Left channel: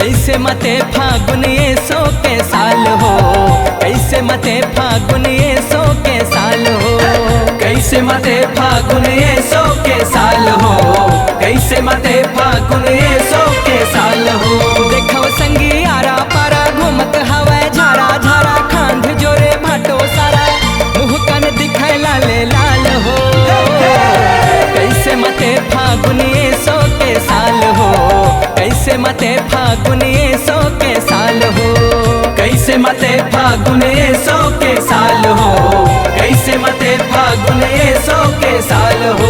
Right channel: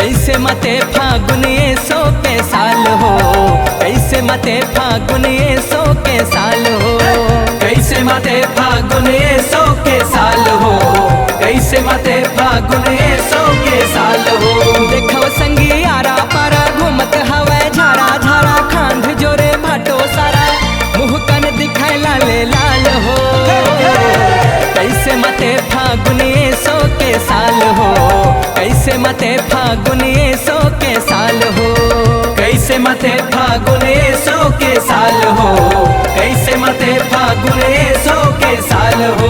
कैसे मते फागुन ये सो के साल हो, कैसे मते फागुन ये सो के साल हो, कैसे मते फागुन ये सो के साल हो, कैसे मते फागुन ये सो के साल हो। देखो संगी आरा पारा घूमत हवा झारा झारा खांध जोरे भाटो सारा मुँह कन दिखाए लाले लाल हो। कैसे मते फागुन ये सो के साल हो, कैसे मते फागुन ये सो के साल हो, कैसे मते फागुन ये सो के साल हो, कैसे मते फागुन ये सो के साल हो।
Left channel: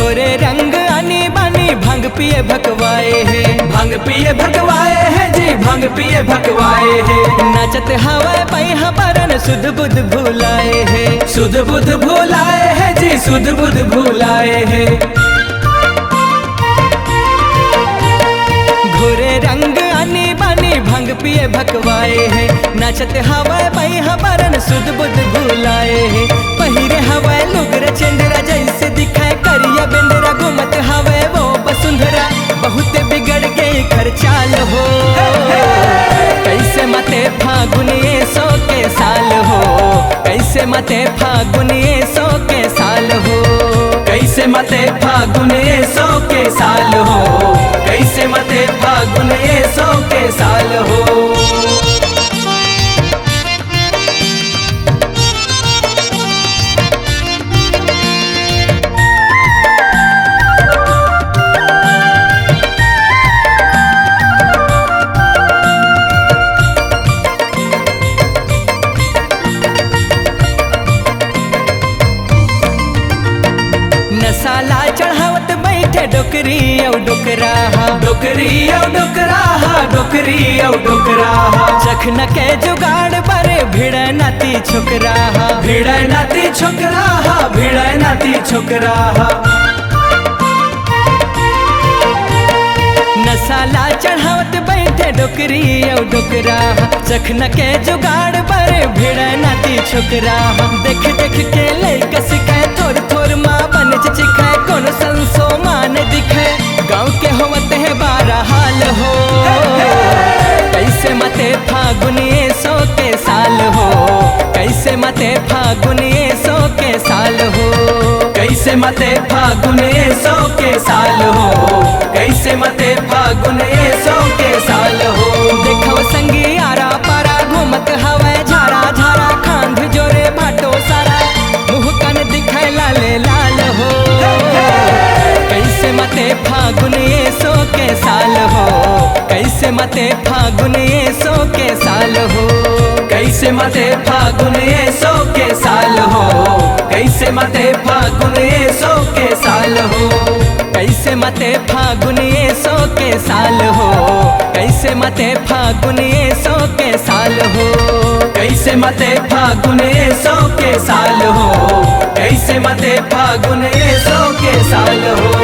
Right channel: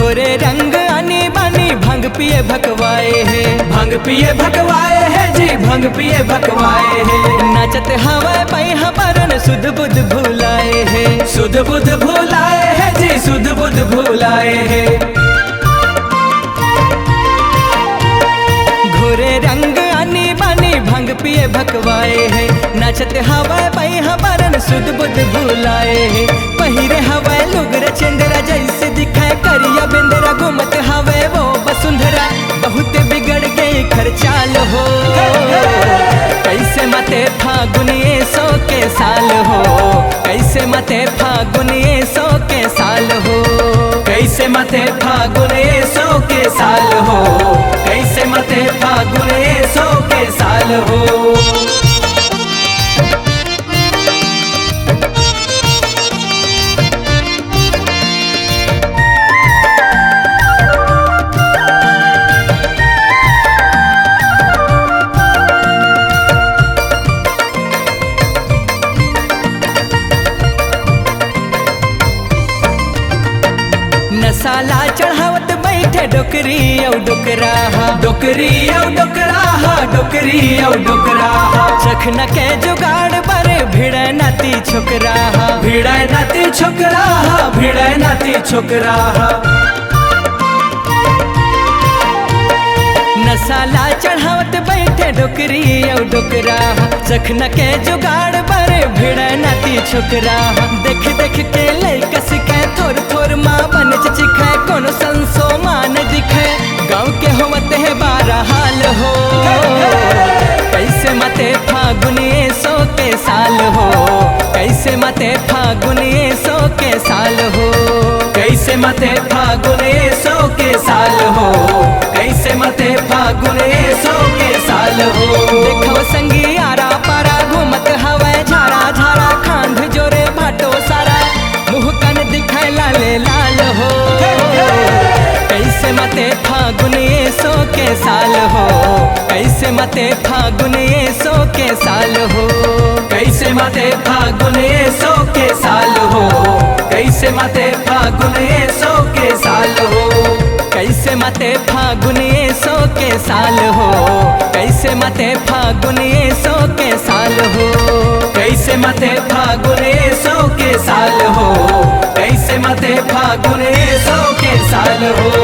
घोरे रंग आनी बानी भंग पिए भकवाए है, भंग पिए भकवाए है जी, भंग पिए भकवाए है। नाचत हवा पई हबरन सुध बुध भूलाए है, सुध बुध भूलाए है जी, सुध बुध भूलाए है। घोरे रंग आनी बानी भंग पिए भकवाए है, नाचत हवा पई हबरन सुध बुध भूलाए है। पहिरे हवा लुगरा चंदरा जैसे दिखाए करिया बेंदरा घूमत हवे वो बसुंधरा बहुत बिगड़ गई खर्चाल हो। कैसे मते फागुन ये सो के साल हो, कैसे मते फागुन ये सो के साल हो, कैसे मते फागुन ये सो के साल हो, कैसे मते फागुन ये सो के साल हो। नसाला चढ़ावत बैठे डोकरी औ डोकराहा, डोकरी औ डोकराहा, डोकरी औ डोकराहा। चखना के जुगाड़ बरे भिड़े नाती छोकराहा, भिड़े नाती छोकराहा, भिड़े नाती छोकराहा। नसाला चढ़ावत बैठे डोकरी औ डोकराहा, चखना के जुगाड़ बरे भिड़े नाती छोकराहा। देख देख के लइका सिखाए थोर थोर माँ बन चिखाए कोनो संसो मान दिखे गाँव के होवत है बारह हाल हो। कैसे मते फागुन ये सो के साल हो, कैसे मते फागुन ये सो के साल हो, कैसे मते फागुन ये सो के साल हो, कैसे मते फागुन ये सो के साल हो। देखो संगी आरा पारा घूमत हवा झारा झारा खांध जोरे भाटो सारा मुँह कन दिखाए लाले लाल हो। कैसे मते फागुन ये सो के साल हो, कैसे मते फागुन ये सो के साल हो, कैसे मते फागुन ये सो के साल हो, कैसे मते फागुन ये सो के साल हो, कैसे मते फागुन ये सो के साल हो, कैसे मते फागुन ये सो के साल हो, कैसे मते फागुन ये सो के साल हो, कैसे मते फागुन ये सो के साल हो।